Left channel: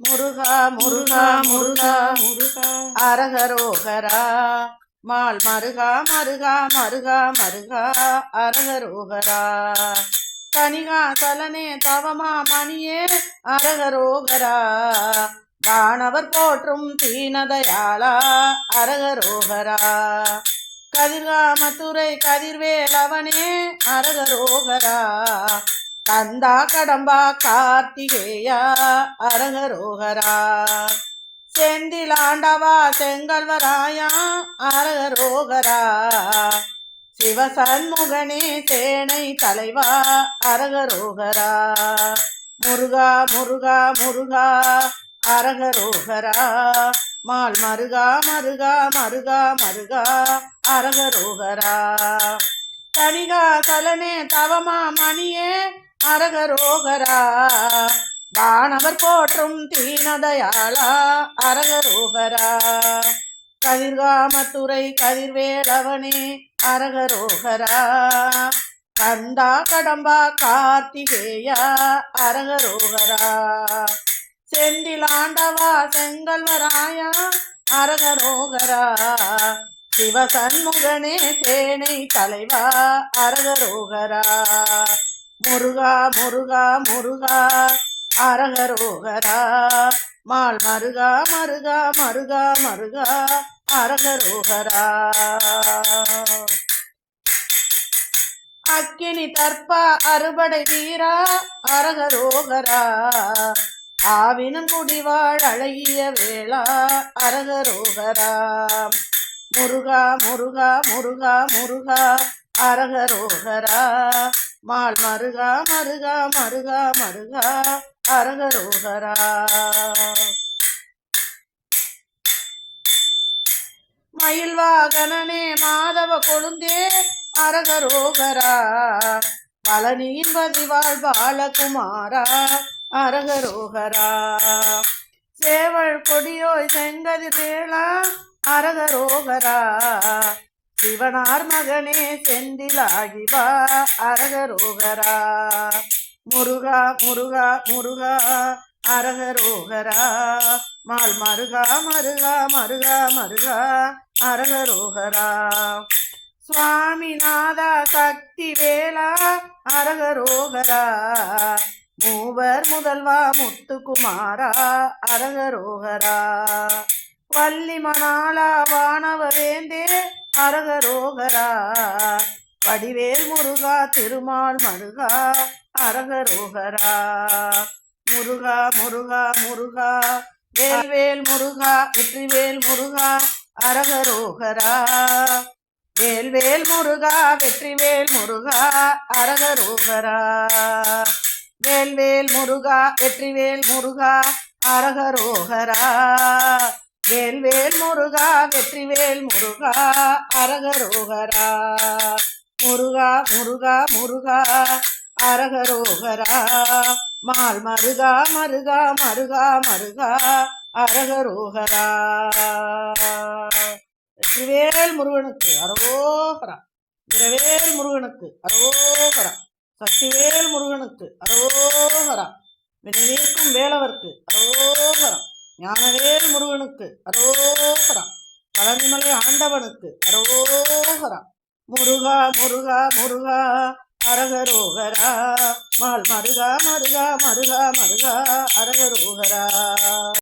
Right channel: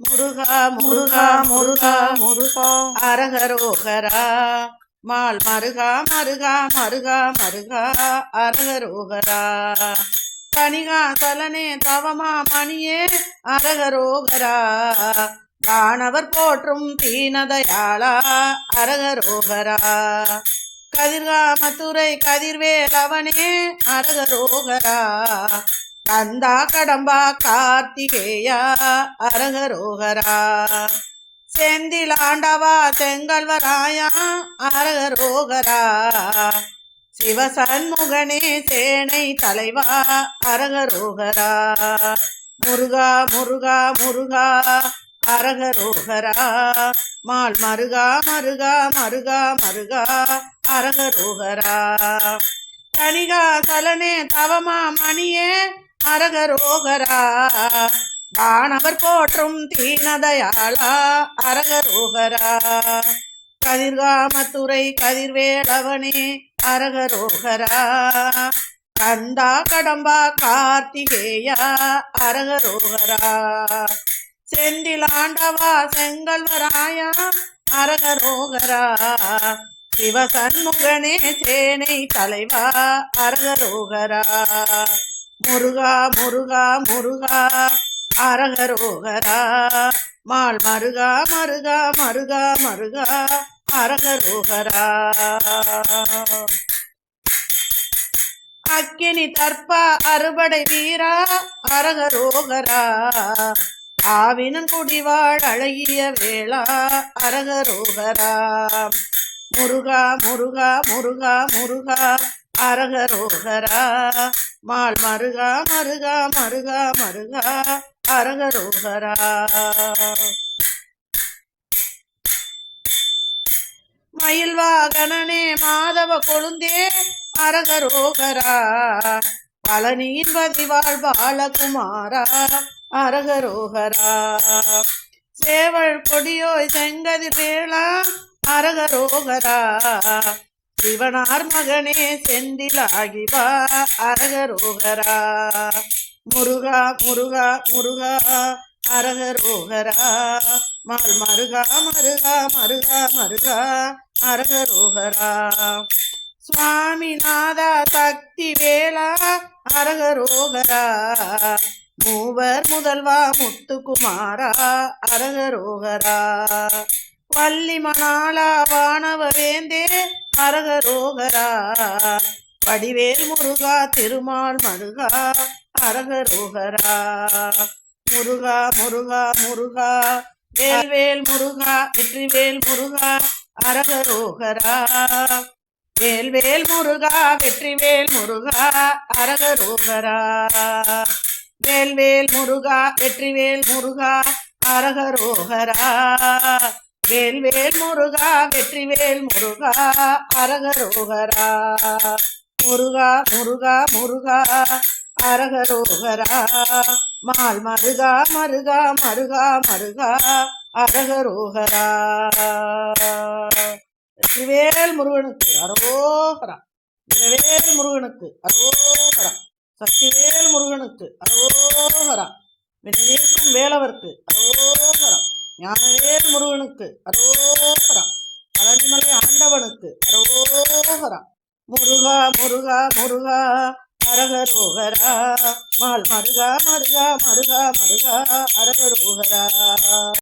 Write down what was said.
முருகா முருகா முருகா முருகா முருகா முருகா அரகரோகரா மால் மருகா மருகா மருகா மருகா அரகரோகரா கனிகா சலனே தவமா மணியே அரகரோகரா வானவர் போற்றும் தீனதயாளா அரகரோகரா கதிர்காமத்துறை கதிர்வேலவனே அரகரோகரா கந்தா கடம்பா கார்த்திகேயா அரகரோகரா செந்திலாண்டவா செங்கல்வராயா அரகரோகரா சிவசண்முகனே சேனை தலைவா அரகரோகரா முருகா முருகா முருகா அரகரோகரா மால் மருகா மருகா மருகா மருகா அரகரோகரா கனிகா சலனே தவமா மணியே அரகரோகரா வானவர் போற்றும் தீனதயாளா அரகரோகரா கதிர்காமத்துறை கதிர்வேலவனே அரகரோகரா கந்தா கடம்பா கார்த்திகேயா அரகரோகரா செந்திலாண்டவா செங்கல்வராயா அரகரோகரா சிவசண்முகனே சேனை தலைவா அரகரோகரா முருகா முருகா முருகா அரகரோகரா மால் மருகா மருகா மருகா மருகா அரகரோகரா அக்கினி தற்ப அறுபடை வீரா அரகரோகரா ஆவினும் குடிவாழ் அழகிய வேளா அரகரோகரா முருகா முருகா முருகா முருகா அரகரோகரா மால் மருகா மருகா மருகா மருகா அரகரோகரா மயில் வாகனனே மாதவ கொழுந்தே அரகரோகரா பழனியின் பதிவாழ் பாலகுமாரா அரகரோகரா சேவல் கொடியோய் செங்கதி வேளா அரகரோகரா சிவனார் மகனே செந்திலாகிவா அரகரோகரா முருகா முருகா முருகா அரகரோகரா மால் மருகா மருகா மருகா மருகா அரகரோகரா சுவாமிநாதா சக்தி வேளா அரகரோகரா மூவர் முதல்வா முத்துக்குமாரா அரகரோகரா வள்ளி மணாளா வானவவேந்தே அரகரோகரா வடிவேல் முருகா திருமால் மருகா அரகரோகரா முருகா முருகா முருகா வேல்வேல் முருகா வெற்றிவேல் முருகா அரகரோகரா வேல்வேல் முருகா வெற்றிவேல் முருகா அரகரோகரா வேல்வேல் முருகா வெற்றிவேல் முருகா அரகரோகரா வேல்வேல் முருகா வெற்றிவேல் முருகா அரகரோகரா முருகா முருகா முருகா அரகரோகரா மால் மருகா மருகா மருகா மருகா அரகரோகரா வெற்றிவேல் முருகனுக்கு அரோகரா இரவேல் முருகனுக்கு அரோகரா சக்திவேல் முருகனுக்கு அரோகரா வினைவிருக்கும் வேலவர்க்கு அரோகரா ஞானவேல் முருகனுக்கு அரோகரா பழனிமலை ஆண்டவனுக்கு அரோகரா முருகா முருகா முருகா அரகரோகரா மால் மருகா மருகா மருகா மருகா அரகரோகரா